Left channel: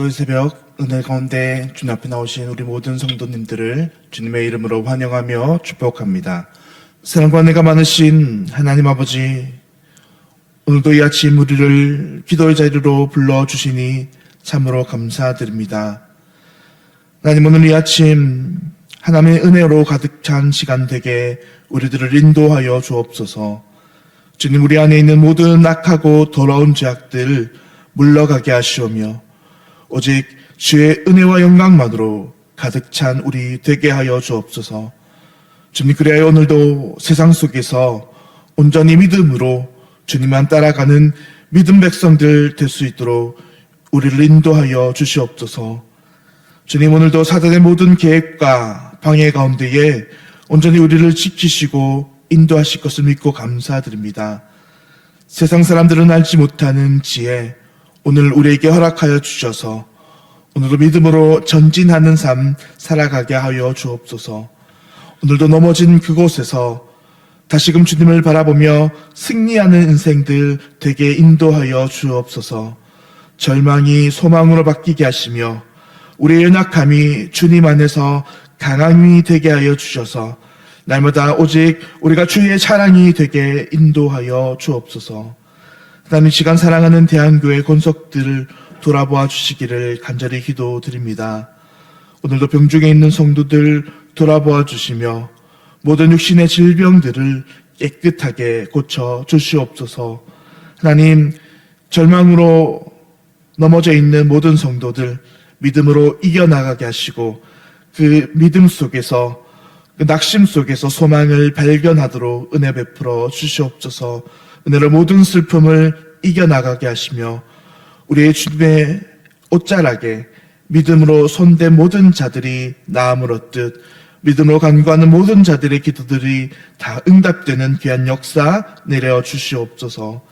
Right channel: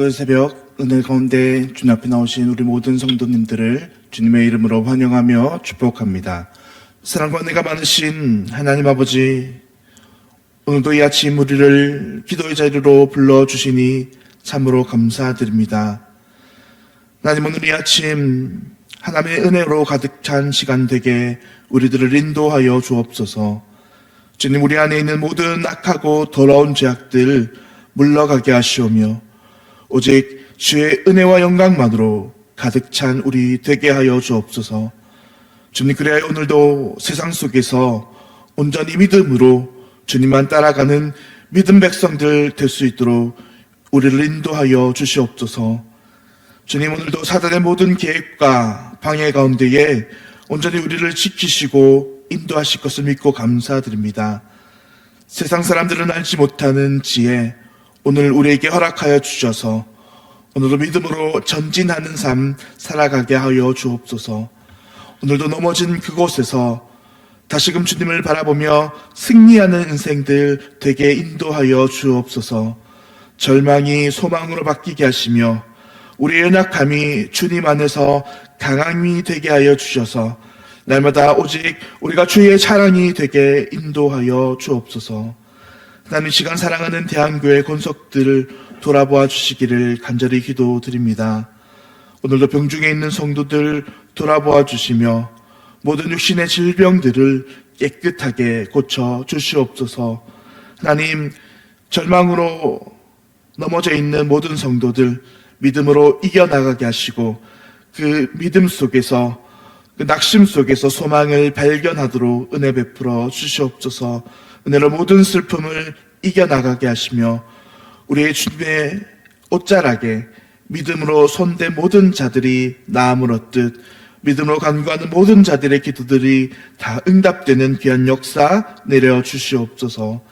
오늘도 이 새벽 은혜 가운데 주님 앞에 나오신 우리 모든 성도님들을 주님의 이름으로 환영하며 축복합니다. 사랑과 은혜가 많으신 하나님 아버지, 오늘도 이 아침 우리를 기도의 자리로 불러주시니 참으로 감사드립니다. 하나님, 오늘 이 아침 하나님의 은혜로 가득 찬 시간 되게 우리들을 인도하여 주옵소서. 주님, 우리 안에 있는 모든 악하고 더러운 죄악들 물러가게 하시오며 오직 주의 은혜와 영광만으로 가득 찬 우리 되게 하여 주옵소서. 주님, 그래야 오늘도 세상 속에서 온전히 믿음으로 주님만 따라가는 믿음 백성들 될 수 있도록 우리를 인도하여 주시옵소서. 주님, 오늘도 사단의 모든 계획과 방해 가운데에 온전히 우리를 지키시고 인도하실 것을 믿고 감사드립니다. 세상 사람들은 알지 못하는 지혜, 오늘 우리에게 허락하여 주셔서 오늘도 믿음으로 전진하는 삶 살아가게 하여 주옵소서. 오늘도 넘어진 그곳에서 다시금 주님을 바라보며 승리하는 인생들 되게 인도하여 주옵소서. 절망이 소망으로 바뀌게 하시며 우리의 연약함이 주님 안에서 강함이 되게 하여 주셔서 날마다 오직 우리가 주의 자랑이 되게 인도하여 주옵소서. 하나님, 이 시간 사랑하는 대한교회 권속들을 돌아보아 주시기를 간절히 기도드립니다. 오늘도 병중에 있는 성도들 돌아보아 주시며 모든 육신의 질병들을 깨끗하게 고쳐 주시옵소서. 하나님, 절망으로 넘어져 있는 모든 성도들 믿음으로 이겨나가게 하시고 그 믿음 속에서, 그 낙심 속에서 소망을 발견하도록 은혜 베풀어 주시옵소서. 은혜로 모든 슬픔을 이겨나가게 하시며 우리의 주님의 옷자락에 믿음으로 손댄 모든 자들이 나음을 얻듯 믿음으로 간구하는 모든 자들의 기도들이 다 응답되는 귀한 역사 내려 주시옵소서.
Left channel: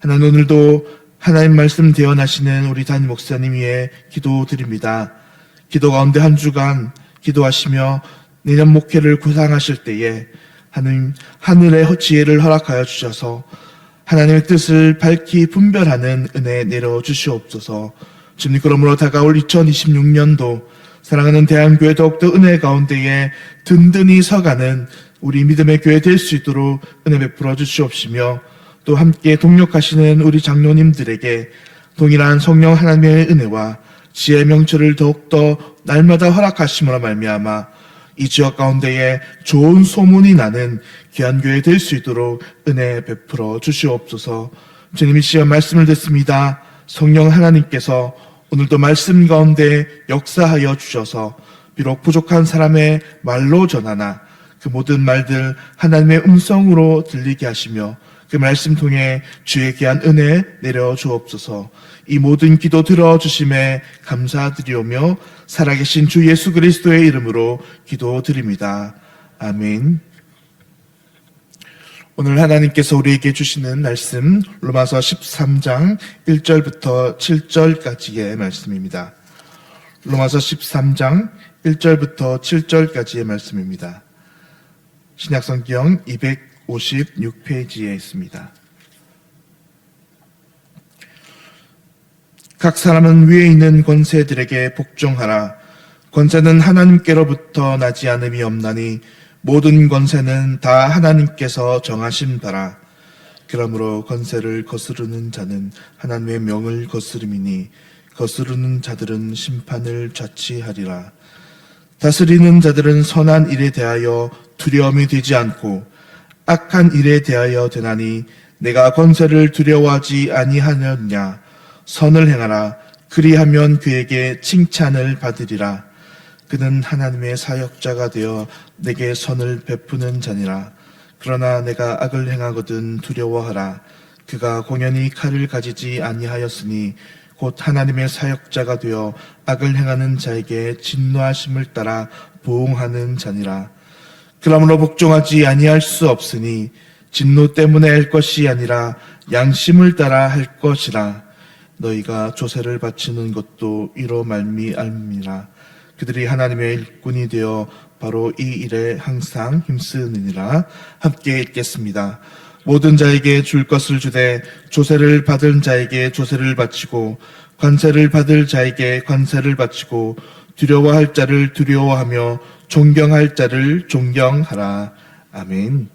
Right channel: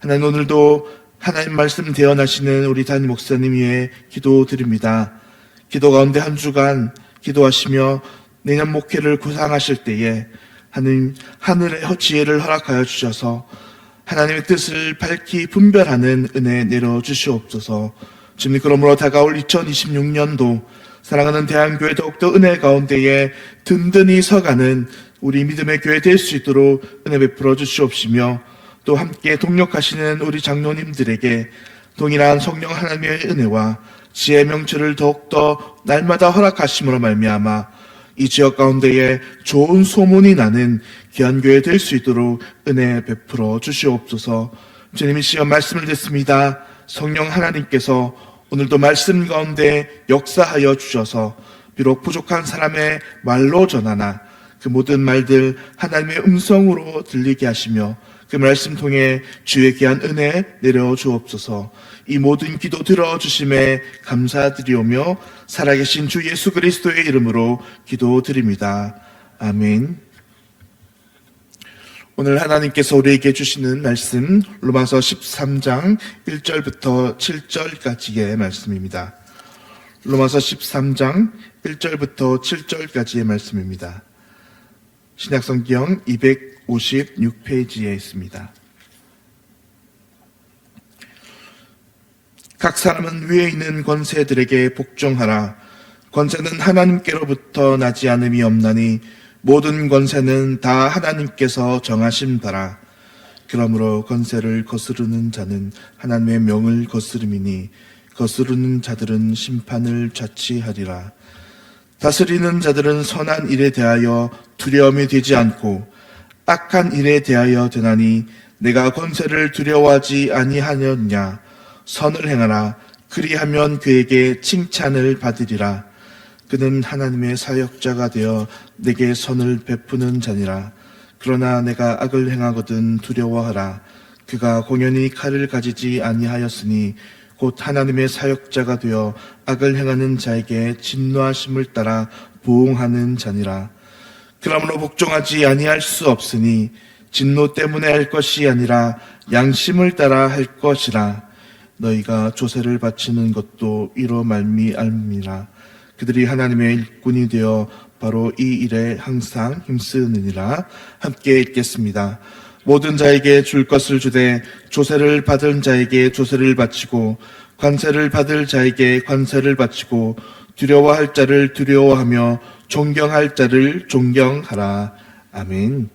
하나님, 오늘도 하나님 말씀 대언하시는 우리 담임 목사님 위해 기도드립니다. 기도 가운데 한 주간 기도하시며 내년 목회를 구상하실 때에 하나님 하늘의 지혜를 허락하여 주셔서 하나님의 뜻을 밝히 분별하는 은혜 내려 주시옵소서. 주님, 그러므로 다가올 2026년도 사랑하는 대한교회 더욱더 은혜 가운데에 든든히 서가는 우리 믿음의 교회 될 수 있도록 은혜 베풀어 주시옵시며 또 함께 동력하시는 우리 장로님들에게 동일한 성령 하나님의 은혜와 지혜의 명철을 더욱더 날마다 허락하심으로 말미암아 이 지역 가운데에 좋은 소문이 나는 귀한 교회 될 수 있도록 은혜 베풀어 주시옵소서. 주님, 이 시간 말씀을 듣습니다. 성령 하나님께서 오늘도 말씀 가운데 역사하여 주셔서 비록 부족한 사람의 말로 전하나 그 모든 말들 하나님의 음성으로 들리게 하시며 그 말씀 통해 주의 귀한 은혜 내려 주옵소서. 이 모든 기도 들어주심에 감사드리오며 살아계신 주 예수 그리스도의 이름으로 기도드립니다. 아멘. 오늘 하나님께서 우리에게 주시는 말씀 로마서 13장 1절부터 7절까지의 말씀입니다. 로마서 13장 1절부터 7절까지의 말씀입니다. 신약성경 256페이지에 있습니다. 각 사람은 위에 있는 권세들에게 복종하라. 권세는 하나님께로부터 나지 않음이 없나니 모든 권세는 다 하나님께서 정하신 바라. 그러므로 권세를 거스르는 자는 하나님의 명을 거스름이니 거스르는 자들은 심판을 자취하리라. 다스리는 자들은 선한 일에 대하여 두려움이 되지 않고 악한 일에 대하여 되나니 내가 권세를 두려워하지 아니하느냐. 선을 행하라. 그리하면 그에게 칭찬을 받으리라. 그는 하나님의 사역자가 되어 내게 선을 베푸는 자니라. 그러나 내가 악을 행하거든 두려워하라. 그가 공연히 칼을 가지지 아니하였으니 곧 하나님의 사역자가 되어 악을 행하는 자에게 진노하심을 따라 보응하는 자니라. 그러므로 복종하지 아니할 수 없으니 진노 때문에 할 것이 아니라 양심을 따라 할 것이라. 너희가 조세를 바치는 것도 이로 말미암이라. 그들이 하나님의 일꾼이 되어 바로 이 일에 항상 힘쓰느니라. 함께 읽겠습니다. 모든 자에게 줄 것을 주되 조세를 받은 자에게 조세를 바치고 관세를 받을 자에게 관세를 바치고 두려워할 자를 두려워하며 존경할 자를 존경하라. 아멘.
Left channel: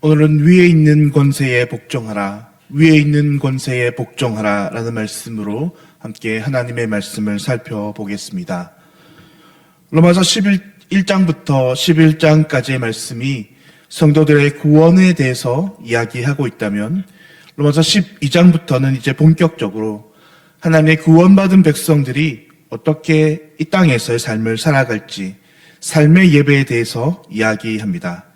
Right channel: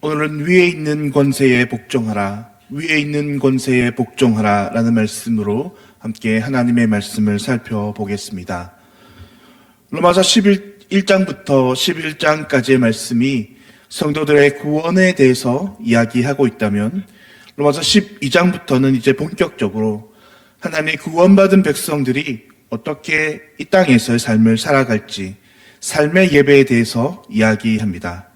오늘은 위에 있는 권세에 복종하라, 위에 있는 권세에 복종하라 라는 말씀으로 함께 하나님의 말씀을 살펴보겠습니다. 로마서 1장부터 11장까지의 말씀이 성도들의 구원에 대해서 이야기하고 있다면, 로마서 12장부터는 이제 본격적으로 하나님의 구원받은 백성들이 어떻게 이 땅에서의 삶을 살아갈지, 삶의 예배에 대해서 이야기합니다.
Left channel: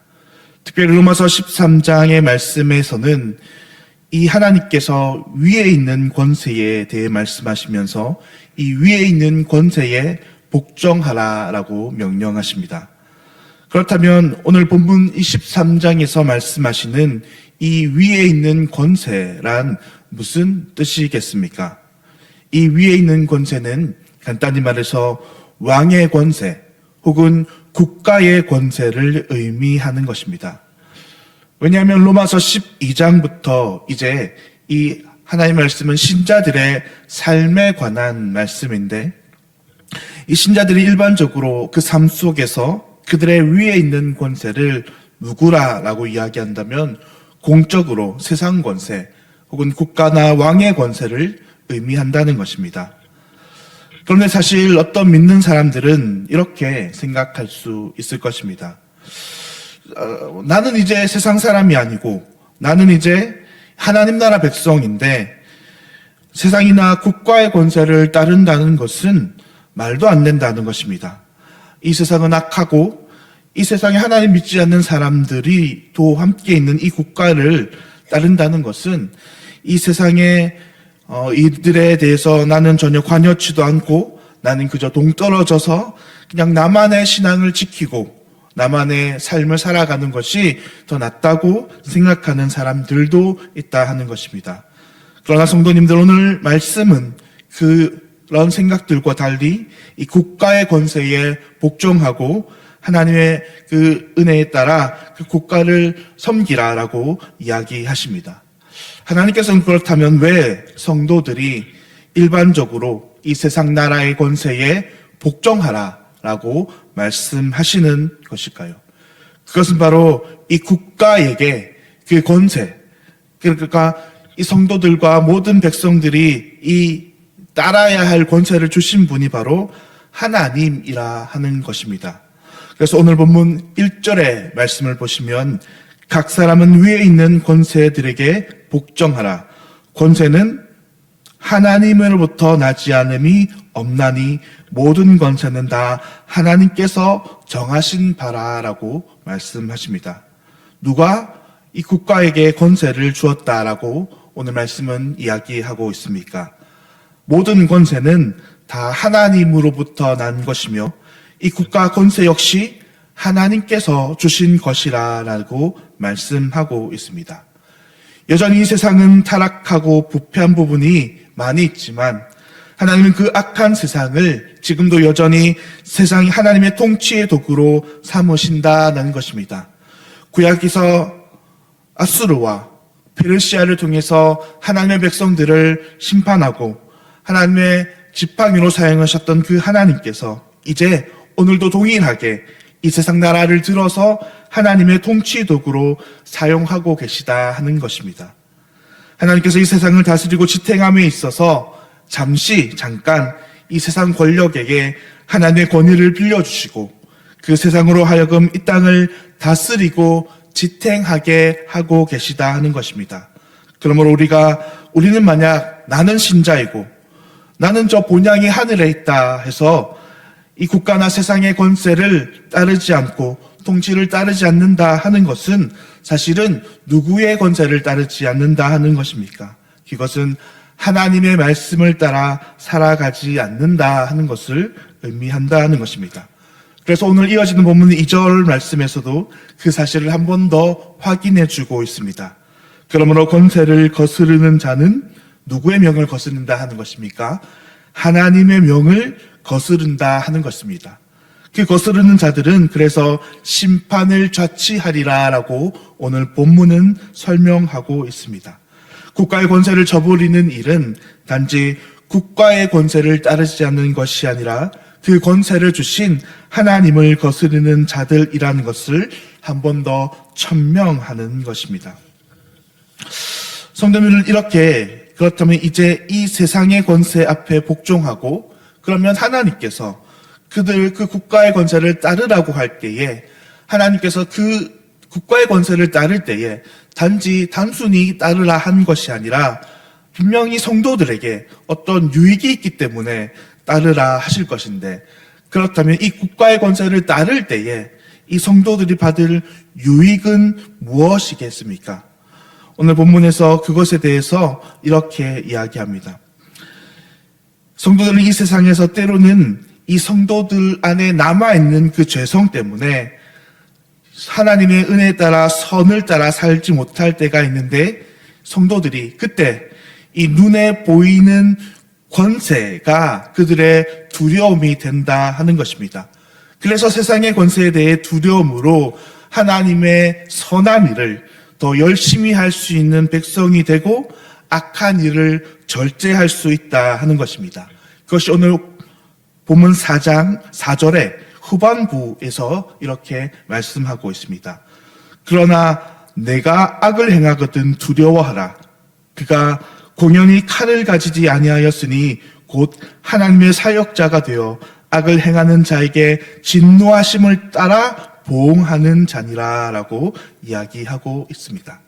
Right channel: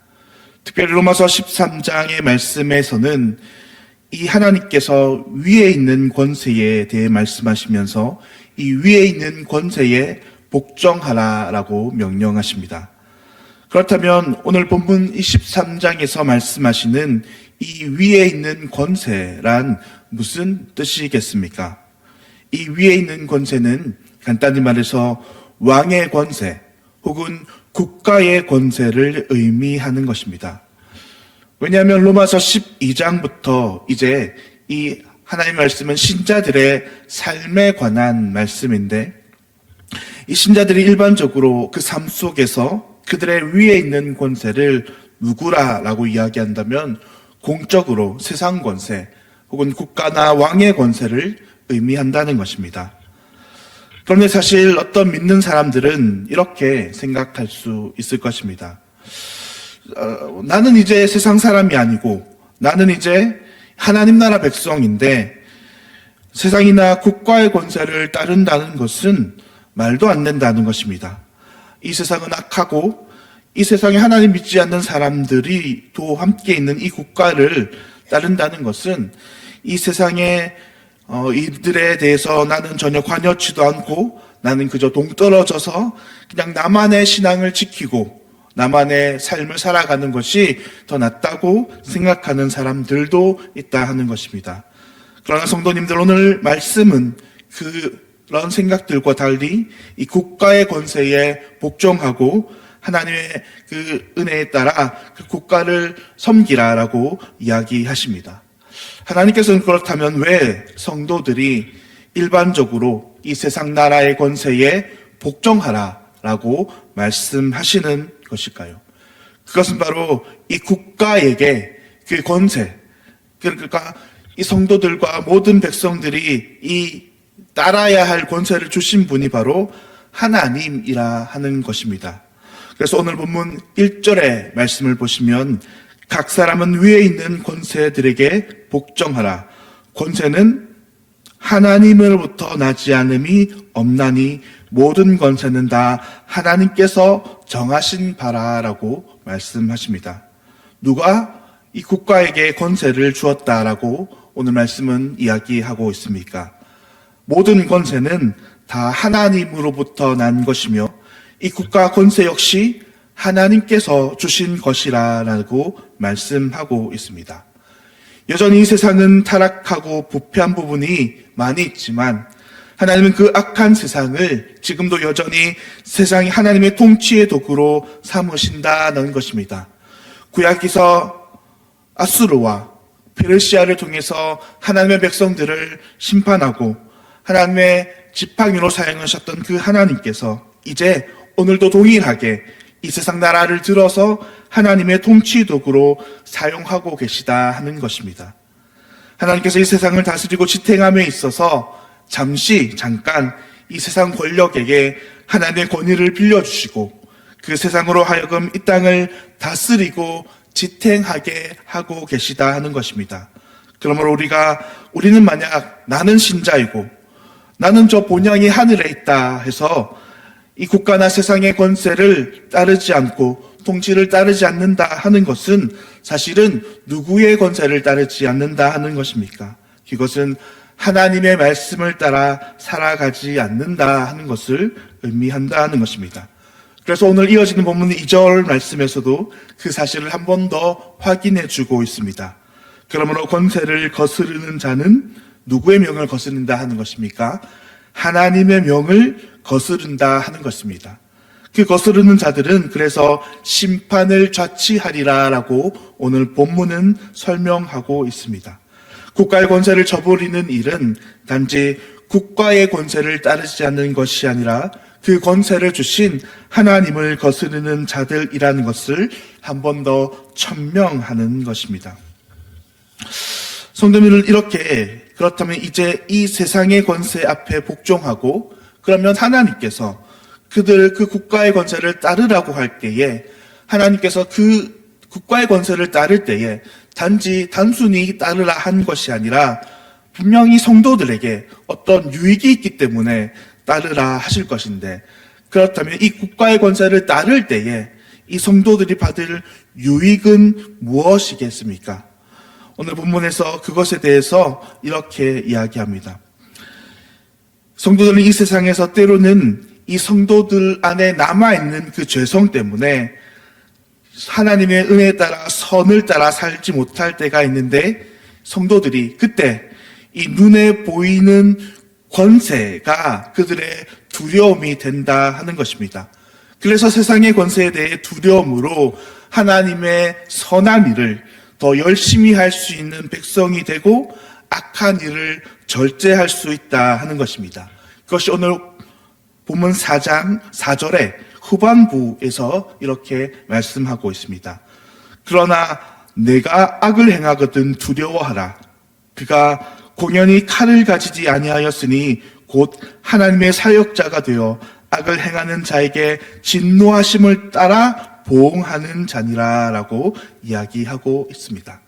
특별히 로마서 13장의 말씀에서는 이 하나님께서 위에 있는 권세에 대해 말씀하시면서 이 위에 있는 권세에 복종하라라고 명령하십니다. 그렇다면 오늘 본문 23장에서 말씀하시는 이 위에 있는 권세란 무슨 뜻이겠습니까? 이 위에 있는 권세는 간단히 말해서 왕의 권세 혹은 국가의 권세를 의미하는 것입니다. 왜냐하면 로마서 12장부터 이제 이 하나님의 말씀은 신자들의 삶에 관한 말씀인데, 이 신자들이 일반적으로 그 삶 속에서 그들의 위에 있는 권세를 누구라라고 이야기한다면 공적으로 세상 권세 혹은 국가나 왕의 권세를 의미한다는 것입니다. 그런데 사실 어떤 믿는 사람들은 이렇게 생각할 수 있을 것입니다. 나는 이제 세상 사람이 아니고 나는 이제 하나님 나라 백성인데 세상이나 국가의 권세를 따른다는 것은 말도 안 된다는 것입니다. 이 세상은 악하고 이 세상에 하나님 믿지 않는 사람들이 또 함께 있는 이 국가를 따른다는 것은 이 세상에 이들에 대해서 나는 전혀 관여치도 않고 나는 그저 동떨어져서 그냥 나만의 신앙을 지키고 나만의 삶을 살아가는 것이 더 낫다고 생각하는 사람들도 있다 하는 것입니다. 그러나 성도님들, 오늘 말씀은 그런 생각들과 달리 이 국가의 권세에 복종하고 하나님의 그 은혜에 따라 그 국가를 섬기라라고 이야기하십니다. 하나님께서는 그렇다면 왜 성도들이 일반적으로 이 세상 나라의 권세에 복종하라라고 말씀하시는 것일까요? 그것은 바로 이 국가에게 그 권세, 그러니까 이 성도들과 모든 백성들이 이 따라야 할 권세를 주신 분이 바로 하나님이라 하는 것입니다. 그래서 오늘 본문 1절의 말씀을 보시면 각 사람은 위에 있는 권세들에게 복종하라. 권세는 하나님으로부터 나지 않음이 없나니 모든 권세는 다 하나님께서 정하신 바라라고 말씀하십니다. 누가 이 국가에게 권세를 주었다라고 오늘 말씀은 이야기하고 있습니까? 모든 권세는 다 하나님으로부터 난 것이며 이 국가 권세 역시 하나님께서 주신 것이라고 말씀하고 있습니다. 여전히 이 세상은 타락하고 부패한 부분이 많이 있지만 하나님은 그 악한 세상을 지금도 여전히 세상이 하나님의 통치의 도구로 삼으신다는 것입니다. 구약에서 아수르와 페르시아를 통해서 하나님의 백성들을 심판하고 하나님의 지팡이로 사용하셨던 그 하나님께서 이제 오늘도 동일하게 이 세상 나라를 들어서 하나님의 통치 도구로 사용하고 계시다 하는 것입니다. 하나님께서 이 세상을 다스리고 지탱함에 있어서 잠깐 이 세상 권력에게 하나님의 권위를 빌려주시고 그 세상으로 하여금 이 땅을 다스리고 지탱하게 하고 계시다 하는 것입니다. 그러므로 우리는 만약 나는 신자이고 나는 저 본향이 하늘에 있다 해서 이 국가나 세상의 권세를 따르지 않고 통치를 따르지 않는다 하는 것은 사실은 누구의 권세를 따르지 않는다 하는 것입니까? 이것은 하나님의 말씀을 따라 살아가지 않는다 하는 것을 의미한다는 것입니다. 그래서 오늘 이어지는 본문 2절 말씀에서도 그 사실을 한 번 더 확인해 주고 있습니다. 그러므로 권세를 거스르는 자는 누구의 명을 거스른다 하는 것입니까? 하나님의 명을 거스른다 하는 것입니다. 그 거스르는 자들은 그래서 심판을 자취하리라라고 오늘 본문은 설명하고 있습니다. 국가의 권세를 저버리는 일은 단지 국가의 권세를 따르지 않는 것이 아니라 그 권세를 주신 하나님을 거스르는 자들이라는 것을 한 번 더 천명하는 것입니다. 성도님들, 이렇게 그렇다면 이제 이 세상의 권세 앞에 복종하고, 그러면 하나님께서 그 국가의 권세를 따르라고 할 때에, 하나님께서 그 국가의 권세를 따를 때에 단순히 따르라 한 것이 아니라 분명히 성도들에게 어떤 유익이 있기 때문에 따르라 하실 것인데, 그렇다면 이 국가의 권세를 따를 때에 이 성도들이 받을 유익은 무엇이겠습니까? 오늘 본문에서 그것에 대해서 이렇게 이야기합니다. 성도들은 이 세상에서 때로는 이 성도들 안에 남아있는 그 죄성 때문에 하나님의 은혜에 따라 선을 따라 살지 못할 때가 있는데, 성도들이 그때 이 눈에 보이는 권세가 그들의 두려움이 된다 하는 것입니다. 그래서 세상의 권세에 대해 두려움으로 하나님의 선한 일을 더 열심히 할 수 있는 백성이 되고 악한 일을 절제할 수 있다 하는 것입니다. 그것이 오늘 본문 4장 4절의 후반부에서 이렇게 말씀하고 있습니다. 그러나 내가 악을 행하거든 두려워하라. 그가 공연히 칼을 가지지 아니하였으니 곧 하나님의 사역자가 되어 악을 행하는 자에게 진노하심을 따라 보응하는 자니라 라고 이야기하고 있습니다.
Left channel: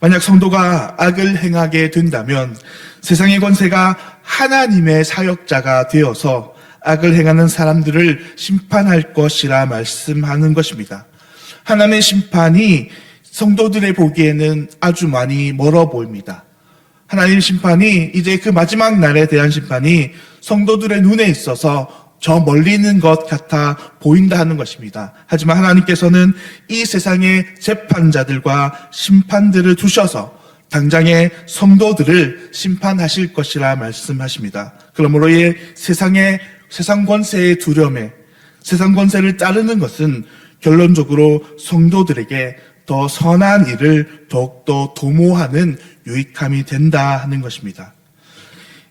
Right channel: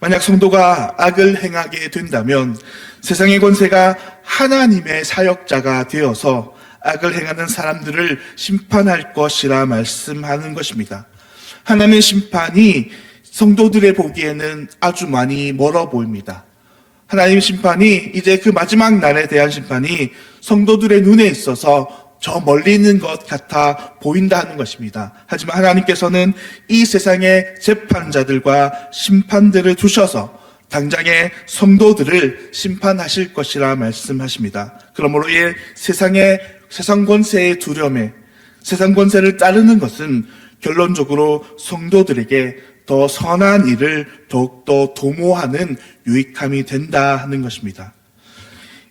만약 성도가 악을 행하게 된다면 세상의 권세가 하나님의 사역자가 되어서 악을 행하는 사람들을 심판할 것이라 말씀하는 것입니다. 하나님의 심판이 성도들의 보기에는 아주 많이 멀어 보입니다. 하나님의 심판이, 이제 그 마지막 날에 대한 심판이 성도들의 눈에 있어서 저 멀리 있는 것 같아 보인다 하는 것입니다. 하지만 하나님께서는 이 세상의 재판자들과 심판들을 두셔서 당장의 성도들을 심판하실 것이라 말씀하십니다. 그러므로 이 세상 권세의 두려움에, 세상 권세를 따르는 것은 결론적으로 성도들에게 더 선한 일을 더욱더 도모하는 유익함이 된다 하는 것입니다.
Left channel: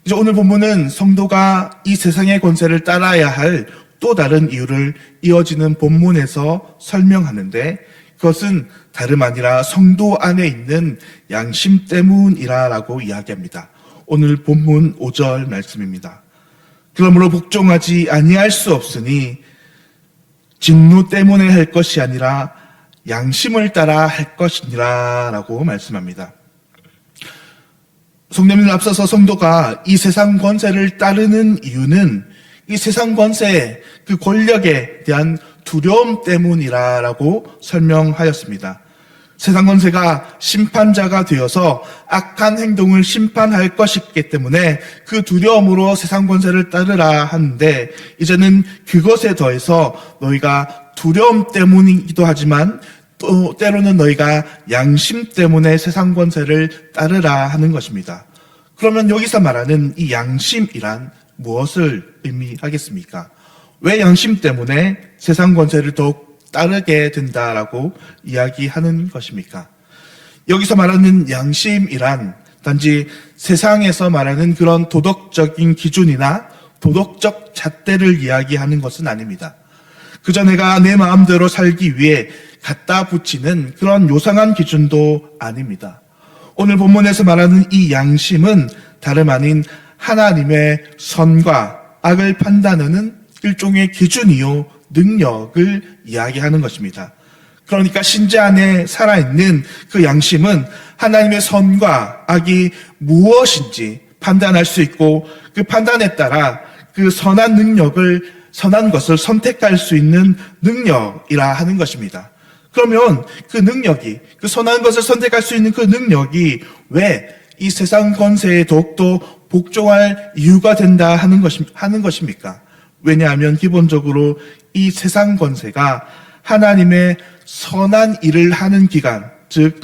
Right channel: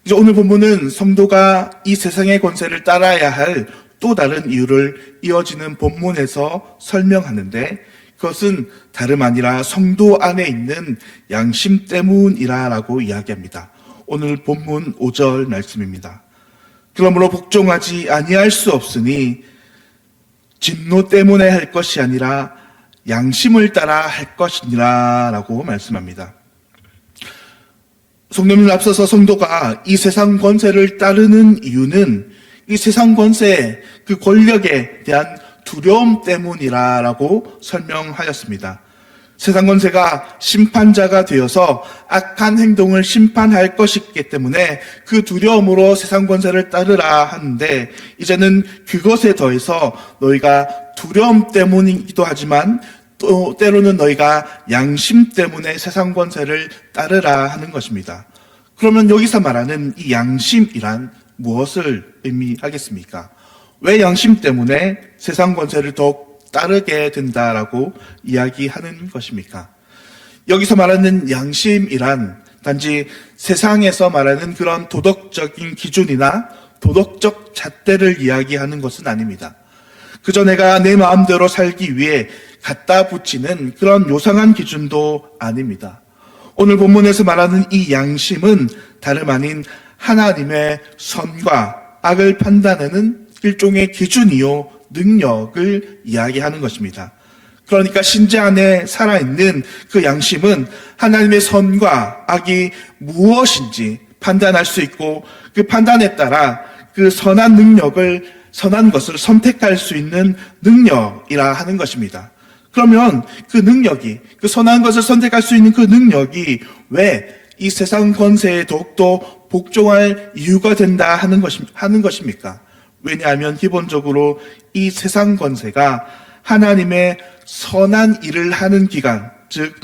이제 오늘 본문은 성도가 이 세상의 권세를 따라야 할 또 다른 이유를 이어지는 본문에서 설명하는데, 그것은 다름 아니라 성도 안에 있는 양심 때문이라고 이야기합니다. 오늘 본문 5절 말씀입니다. 그러므로 복종하지 아니할 수 없으니 진노 때문에 할 것이 아니라 양심을 따라 할 것이니라 라고 말씀합니다. 성도님들, 앞서서 성도가 이 세상 권세를 따르는 이유는 이 세상 권세의 그 권력에 대한 두려움 때문이라고 설명하였습니다. 세상 권세가 심판자가 되어서 악한 행동을 심판할 것이기 때문에 그 두려움으로 세상 권세를 따르라 하는데, 이제는 그것에 더해서 너희가 두려움 때문이기도 하지만 또 때로는 너희가 양심 때문에 세상 권세를 따르라 하는 것입니다. 그러면 여기서 말하는 이 양심이란 무엇을 의미하겠습니까? 왜 양심 때문에 세상 권세를 더욱 따르게 된다라고 이야기하는 것입니까? 여기서 말하는 양심이란 단지 세상에서 말하는 그런 도덕적인 기준이나 도덕적 잣대를 이야기하는 것은 아닙니다. 그저 내가 내 마음대로 살기 위해 갖다 붙이는 그런 요상한 기준도 아닙니다. 오늘 본문에서 말하는 이 양심은 다름 아닌 하나님의 선과 악을 판단하는 일종의 기준이요 능력을 이야기하는 것입니다. 그러니까 신자 안에 살아있는 그 양심은 하나님의 선과 악이 무엇인지 판단할 수 있고, 그 판단에 따라 그 선한 것을 선택할 수 있는 능력이라 하는 것입니다. 그러면 그 능력이, 그 선한 것을 선택할 수 있는 그 능력이 왜 이 세상 권세에 더욱더 복종할 이유가 된다 하는 것입니까? 왜냐하면 기본적으로 이 세상 권세가 하나님의 선한 일을 하는 기간, 즉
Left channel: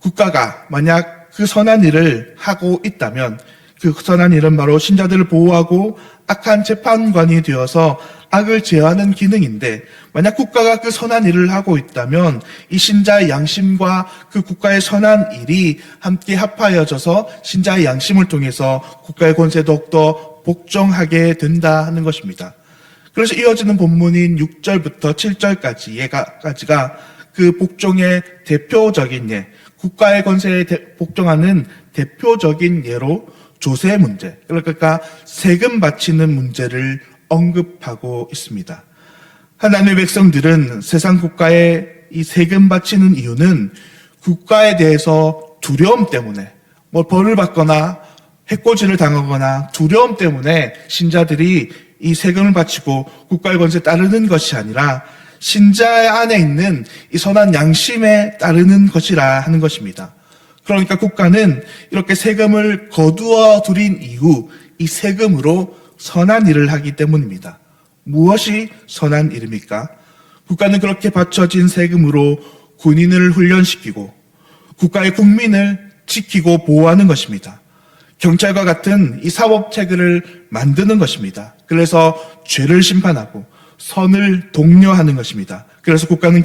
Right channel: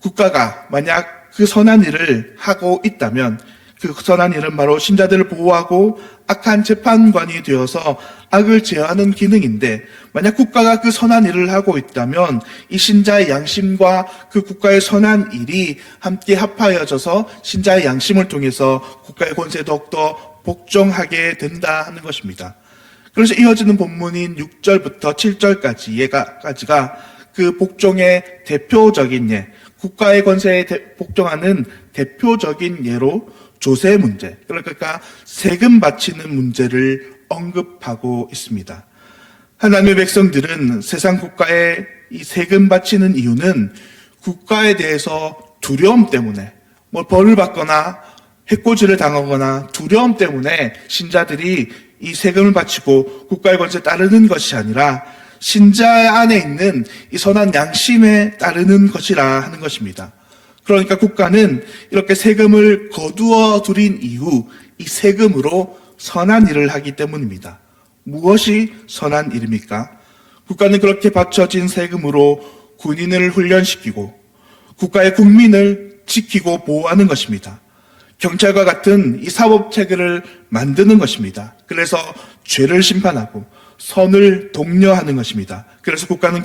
국가가 만약 그 선한 일을 하고 있다면 그 선한 일은 바로 신자들을 보호하고 악한 재판관이 되어서 악을 제어하는 기능인데, 만약 국가가 그 선한 일을 하고 있다면 이 신자의 양심과 그 국가의 선한 일이 함께 합하여져서 신자의 양심을 통해서 국가의 권세에 더욱더 복종하게 된다 하는 것입니다. 그래서 이어지는 본문인 6절부터 7절까지가 그 복종의 대표적인 예, 국가의 권세에 복종하는 대표적인 예로 조세 문제, 그러니까 세금 바치는 문제를 언급하고 있습니다. 하나님의 백성들은 세상 국가에 이 세금 바치는 이유는 국가에 대해서 두려움 때문에 벌을 받거나 해코지를 당하거나 두려움 때문에 신자들이 이 세금을 바치고 국가의 권세에 따르는 것이 아니라 신자 안에 있는 이 선한 양심에 따르는 것이라 하는 것입니다. 그러니까 국가는 이렇게 세금을 거두어 들인 이후 이 세금으로 선한 일을 하기 때문입니다. 무엇이 선한 일입니까? 국가는 그렇게 바쳐진 세금으로 군인을 훈련시키고 국가의 국민을 지키고 보호하는 것입니다. 경찰과 같은 이 사법체계를 만드는 것입니다. 그래서 죄를 심판하고 선을 독려하는 것입니다. 그래서 국가는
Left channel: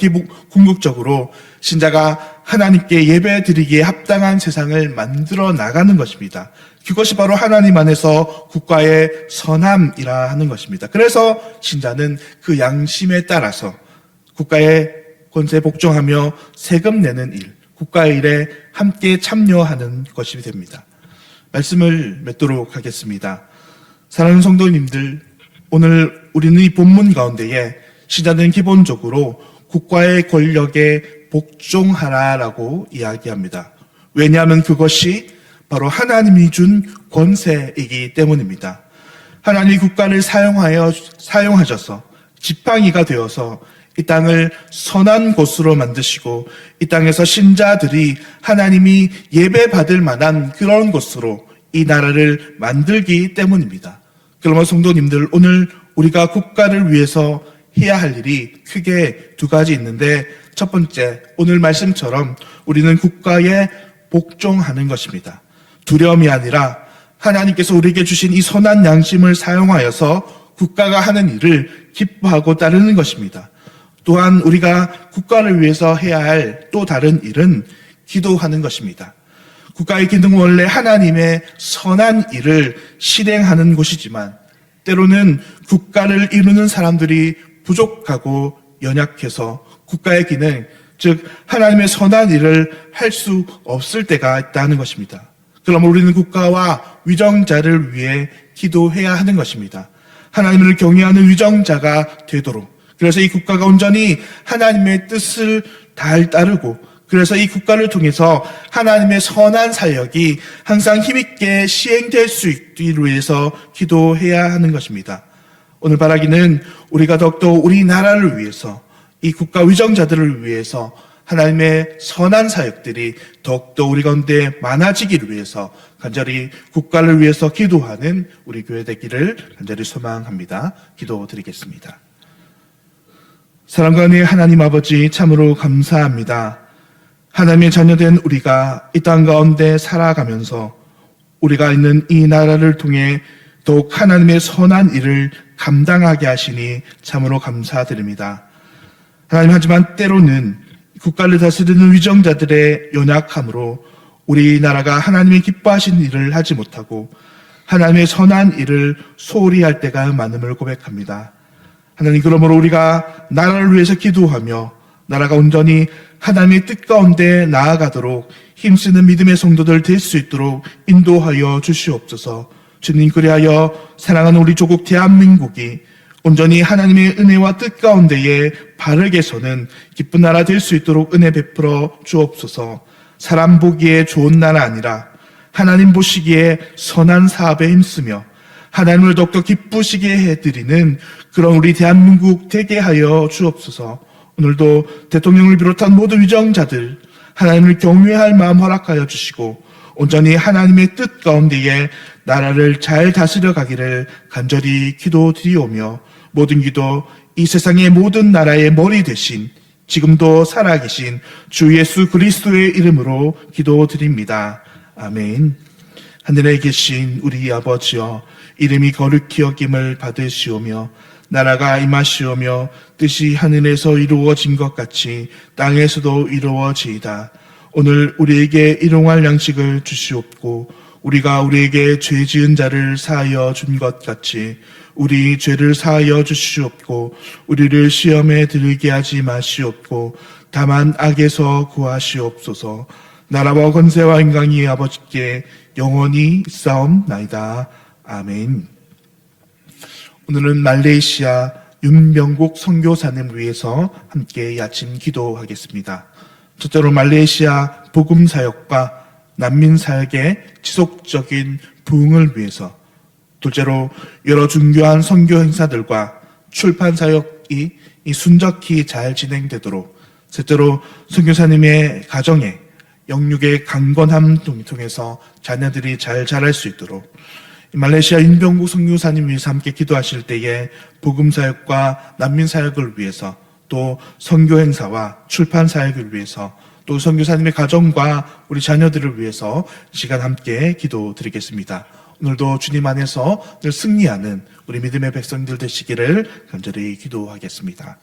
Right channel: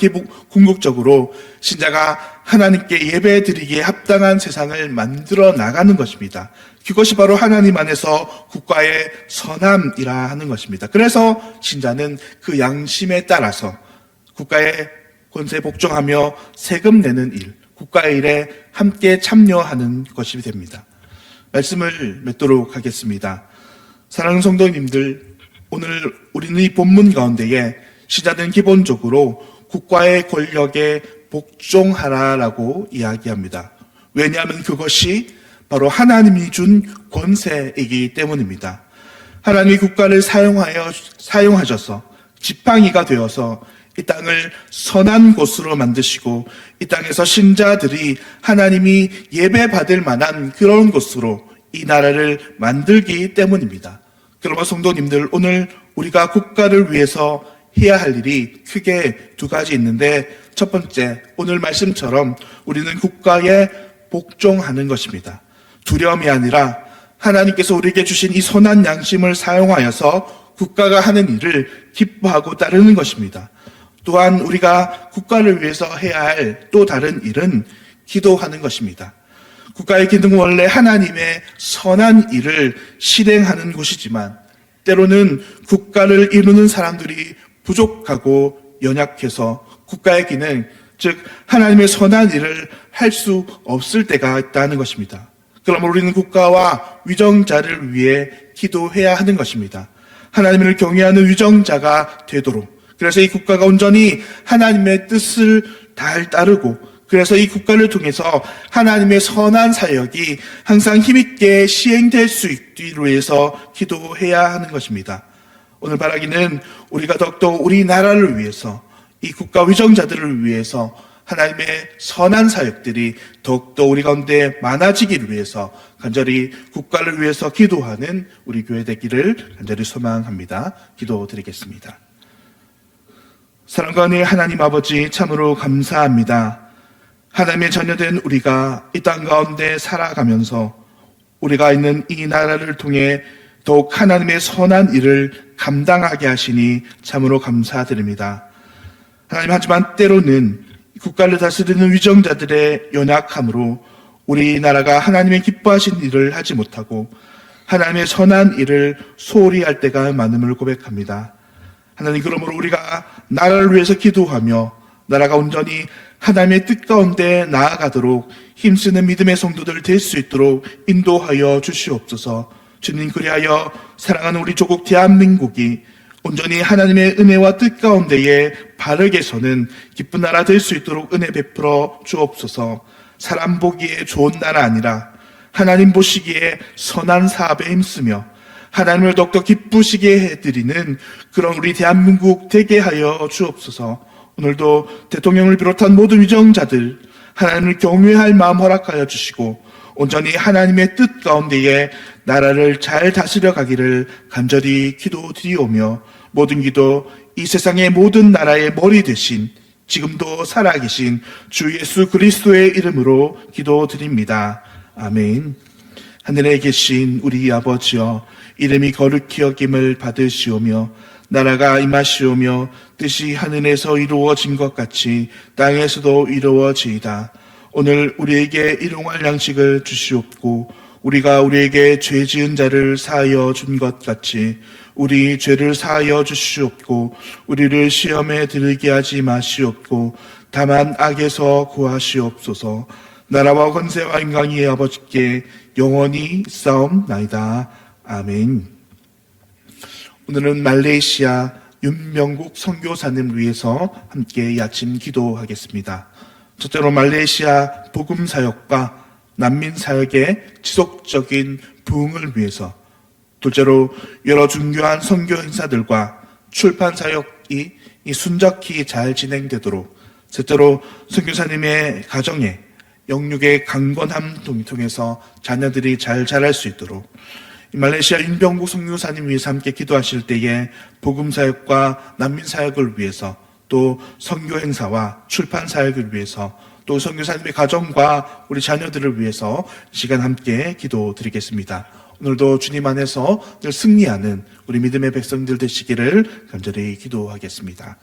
궁극적으로 신자가 하나님께 예배드리기에 합당한 세상을 만들어 나가는 것입니다. 그것이 바로 하나님 안에서 국가의 선함이라 하는 것입니다. 그래서 신자는 그 양심에 따라서 국가의 권세에 복종하며 세금 내는 일, 국가의 일에 함께 참여하는 것이 됩니다. 말씀을 맺도록 하겠습니다. 사랑하는 성도님들, 오늘 우리는 이 본문 가운데에 신자는 기본적으로 국가의 권력에 복종하라라고 이야기합니다. 왜냐하면 그것이 바로 하나님이 준 권세이기 때문입니다. 하나님이 국가를 사용하셔서 지팡이가 되어서 이 땅을 선한 곳으로 만드시고 이 땅에서 신자들이 하나님이 예배받을 만한 그런 곳으로 이 나라를 만들기 때문입니다. 그러면 성도님들, 오늘 우리가 국가를 위해서 해야 할 일이 크게 두 가지 있는데, 첫 번째, 오늘 말씀처럼 우리는 국가에 복종하는 것입니다. 두려움이 아니라 하나님께서 우리에게 주신 이 선한 양심을 사용하여서 국가가 하는 일을 기뻐하고 따르는 것입니다. 또한 우리가 국가를 위해서 해야 할 또 다른 일은 기도하는 것입니다. 국가의 기능은 원래 하나님의 선한 일을 실행하는 곳이지만 때로는 국가를 이루는 사람들이 부족하고 연약해서 국가의 기능, 즉 하나님의 선한 일을 할 수 없을 때가 있다는 것입니다. 그러면 우리는 국가와 위정자를 위해 기도해야 하는 것입니다. 하나님을 경외하는 위정자가 되도록, 그래서 이 국가가 온전히 하나님의 뜻을 잘 따르고, 그래서 이 국가를 통해서 하나님의 선한 사역이 항상 힘있게 시행될 수 있기 위해서 기도해야 하는 것입니다. 오늘 바라기는 우리가 더욱더 우리나라를 위해서, 이 국가 위정자들을 위해서 하나님의 선한 사역들이 더욱더 우리 가운데 많아지기를 위해서 간절히 국가를 위해서 기도하는 우리 교회 되기를 간절히 소망합니다. 기도드리겠습니다. 사랑과 은혜의 하나님 아버지, 참으로 감사합니다. 하나님의 자녀된 우리가 이 땅 가운데 살아가면서 우리가 있는 이 나라를 통해 더욱 하나님의 선한 일을 감당하게 하시니 참으로 감사드립니다. 하나님, 하지만 때로는 국가를 다스리는 위정자들의 연약함으로 우리나라가 하나님의 기뻐하신 일을 하지 못하고 하나님의 선한 일을 소홀히 할 때가 많음을 고백합니다. 하나님, 그러므로 우리가 나라를 위해서 기도하며 나라가 온전히 하나님의 뜻 가운데 나아가도록 힘쓰는 믿음의 성도들 될 수 있도록 인도하여 주시옵소서. 주님, 그리하여 사랑하는 우리 조국 대한민국이 온전히 하나님의 은혜와 뜻 가운데에 바르게 서는 기쁜 나라 될 수 있도록 은혜 베풀어 주옵소서. 사람 보기에 좋은 나라 아니라 하나님 보시기에 선한 사업에 힘쓰며 하나님을 더욱더 기쁘시게 해드리는 그런 우리 대한민국 되게 하여 주옵소서. 오늘도 대통령을 비롯한 모든 위정자들 하나님을 경외할 마음 허락하여 주시고 온전히 하나님의 뜻 가운데에 나라를 잘 다스려 가기를 간절히 기도드리오며, 모든 기도 이 세상의 모든 나라의 머리 되신 지금도 살아계신 주 예수 그리스도의 이름으로 기도드립니다. 아멘. 하늘에 계신 우리 아버지여, 이름이 거룩히 여김을 받으시오며 나라가 임하시오며 뜻이 하늘에서 이루어진 것 같이 땅에서도 이루어지이다. 오늘 우리에게 일용할 양식을 주시옵고 우리가 우리에게 죄 지은 자를 사하여 준 것 같이 우리 죄를 사하여 주시옵고 우리를 시험에 들게 하지 마시옵고 다만 악에서 구하시옵소서. 나라와 권세와 영광이 아버지께 영원히 있사옵나이다. 아멘. 오늘은 말레이시아 윤병국 선교사님을 위해서 함께 이 아침 기도하겠습니다. 첫째로 말레이시아 복음 사역과 난민 사역의 지속적인 부흥을 위해서, 둘째로 여러 중요한 선교 행사들과 출판 사역이 순적히 잘 진행되도록, 셋째로 선교사님의 가정에 영육의 강건함 통해서 자녀들이 잘 자랄 수 있도록, 말레이시아 윤병국 선교사님 위해서 함께 기도하실 때에 복음 사역과 난민 사역을 위해서, 또 선교 행사와 출판 사역을 위해서, 또 선교사님의 가정과 우리 자녀들을 위해서 시간 함께 기도드리겠습니다. 오늘도 주님 안에서 늘 승리하는 우리 믿음의 백성들 되시기를 간절히 기도하겠습니다.